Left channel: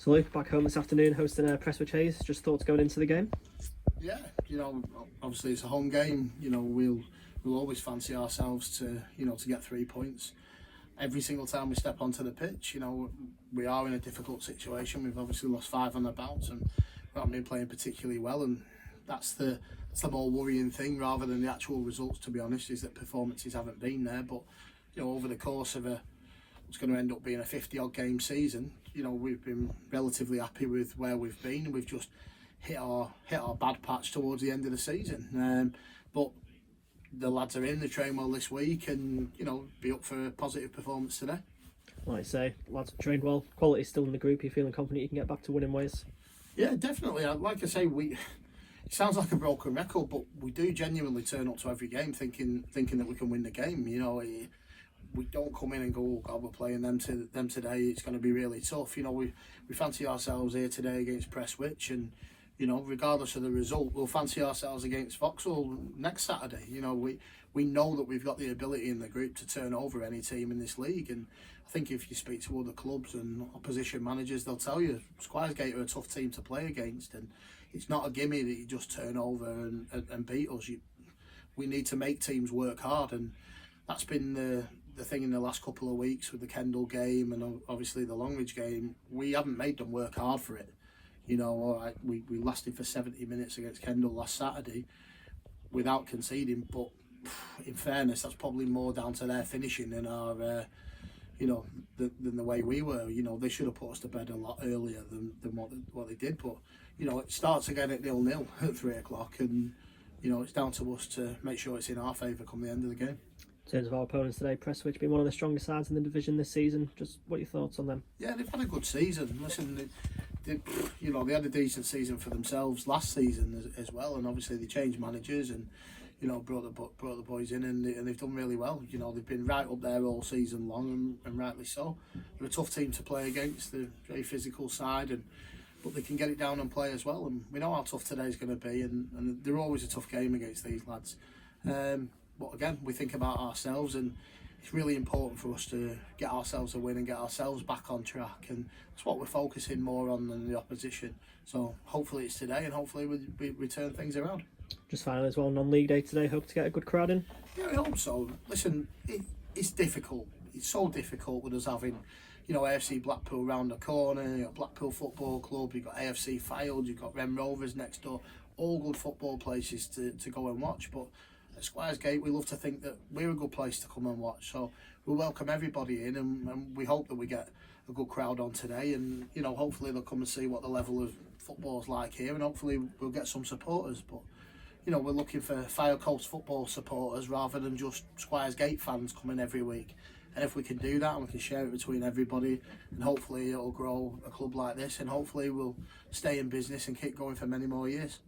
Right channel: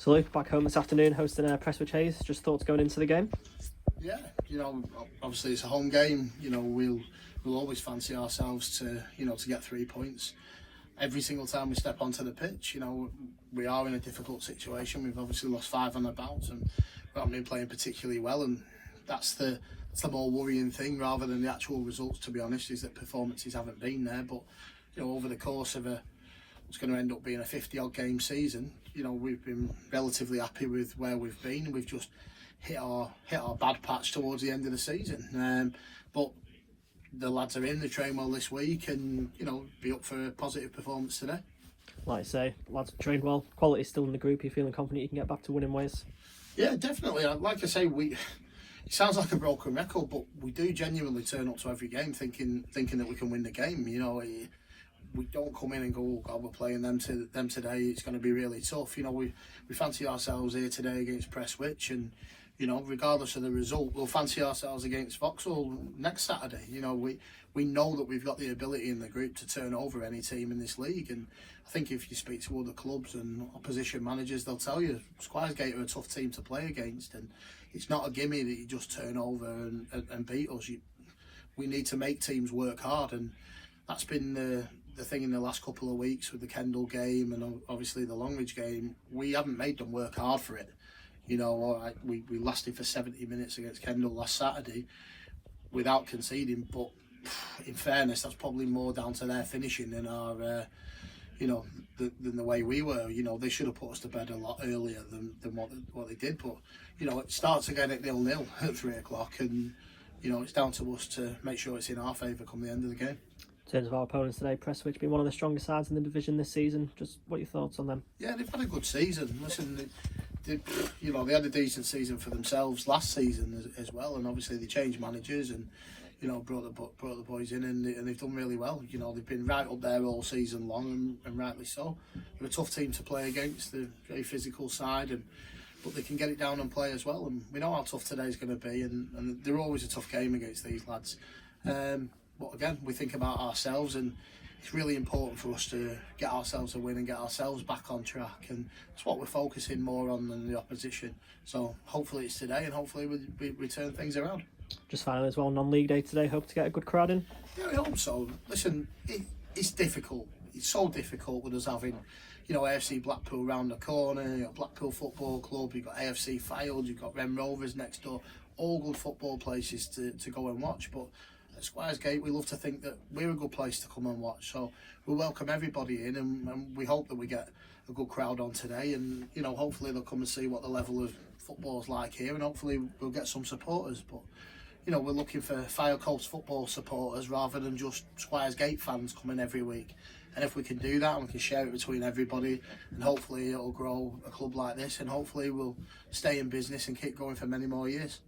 So Luke, back home this afternoon hosting Prestwich Hayes. Just thoughts going into the game? Yeah, obviously it's a home game. We'll always fancy ourselves to get 3 points. Every single time we step onto the pitch, we are in a difficult situation. We've obviously lost 5 on the bounce and we haven't been playing particularly well, and that's the more worrying thing rather than the actual results, to be honest, is that performances haven't been there. But over the course of what's going to end up being a 50-odd game season, we've been relatively happy with where we've been. We've just hit our bad patch towards the end of the season. But the lads are in, they train well this week, and be up for a positive performance today. Like I say, lads trained well, quality still in the group. Are you feeling confident you can get back to winning ways? Yeah, definitely. Like I say, it sounds like a broken record, but we do genuinely turn up to every game thinking that we can win the game. We don't come in and go, oh God, we're playing them today, it's going to be really tough. We fancy ourselves here today against Prestwich, and regardless of the result, we'll fancy ourselves against Vauxhall next Saturday. We know that we've got the ability in the group to turn over any team in this league, and I think if you speak to other clubs and opposition managers, they'll tell you Squiresgate are a tough team to play against, and it's not a gimme that you just turn over and beat us. We need to make teams work hard, and that's been the thing in the last couple of weeks with the Kendal game and obviously the Longridge game. We haven't made them work hard for it. We lasted for 70 minutes against Kendal last Saturday without conceding, but in fairness, that's probably more down to their finishing than our, than the way we were. They should have put us to bed a lot earlier than what they did. But it starts again at 0-0 at 3 o'clock, and it's down to us to make sure it's in our favour come the end of the game. In terms of our opponents today, Prestwich being one of the strongest sides in the division this season, just what are your thoughts on them? Yeah, they've had a good season. Listen, they had a decent season for themselves last season as well, and obviously they changed managers and brought the boys in, and they've done really well. They've been right up there all season long, and rightly so. They're a tough team to play against. They're a very physical side, but they can get it down and play as well. And we know how tough today's going to be, and they're always a tough game against these lads. But again, we think about ourselves, and it's really important for us to get ourselves a win and get ourselves back on track, and that's what we're focusing more on than the opposition. So hopefully it's today, and hopefully we turn things around. Just finally as well, non-league day today, hope to get a good crowd in? Yeah, I hope so. Listen, it's difficult. It's so difficult with us having, AFC Blackpool round the corner, you've got Blackpool Football Club, you've got AFC Fylde, you've got Wren Rovers next door, all good football places to go and watch. But at Squiresgate, we love to think that we're a good place to come and watch. So we'll welcome everybody in, and we hope that we get a good crowd on today, and hopefully they'll come and see what the level of football's like here, and hopefully we'll get some supporters. But we're looking for Fire Coast football supporters rather than just Squiresgate fans coming every week. And if we can do that and we can share it between everybody, and hopefully it'll grow a club like this, and hopefully we'll stay in business and keep going for many more years.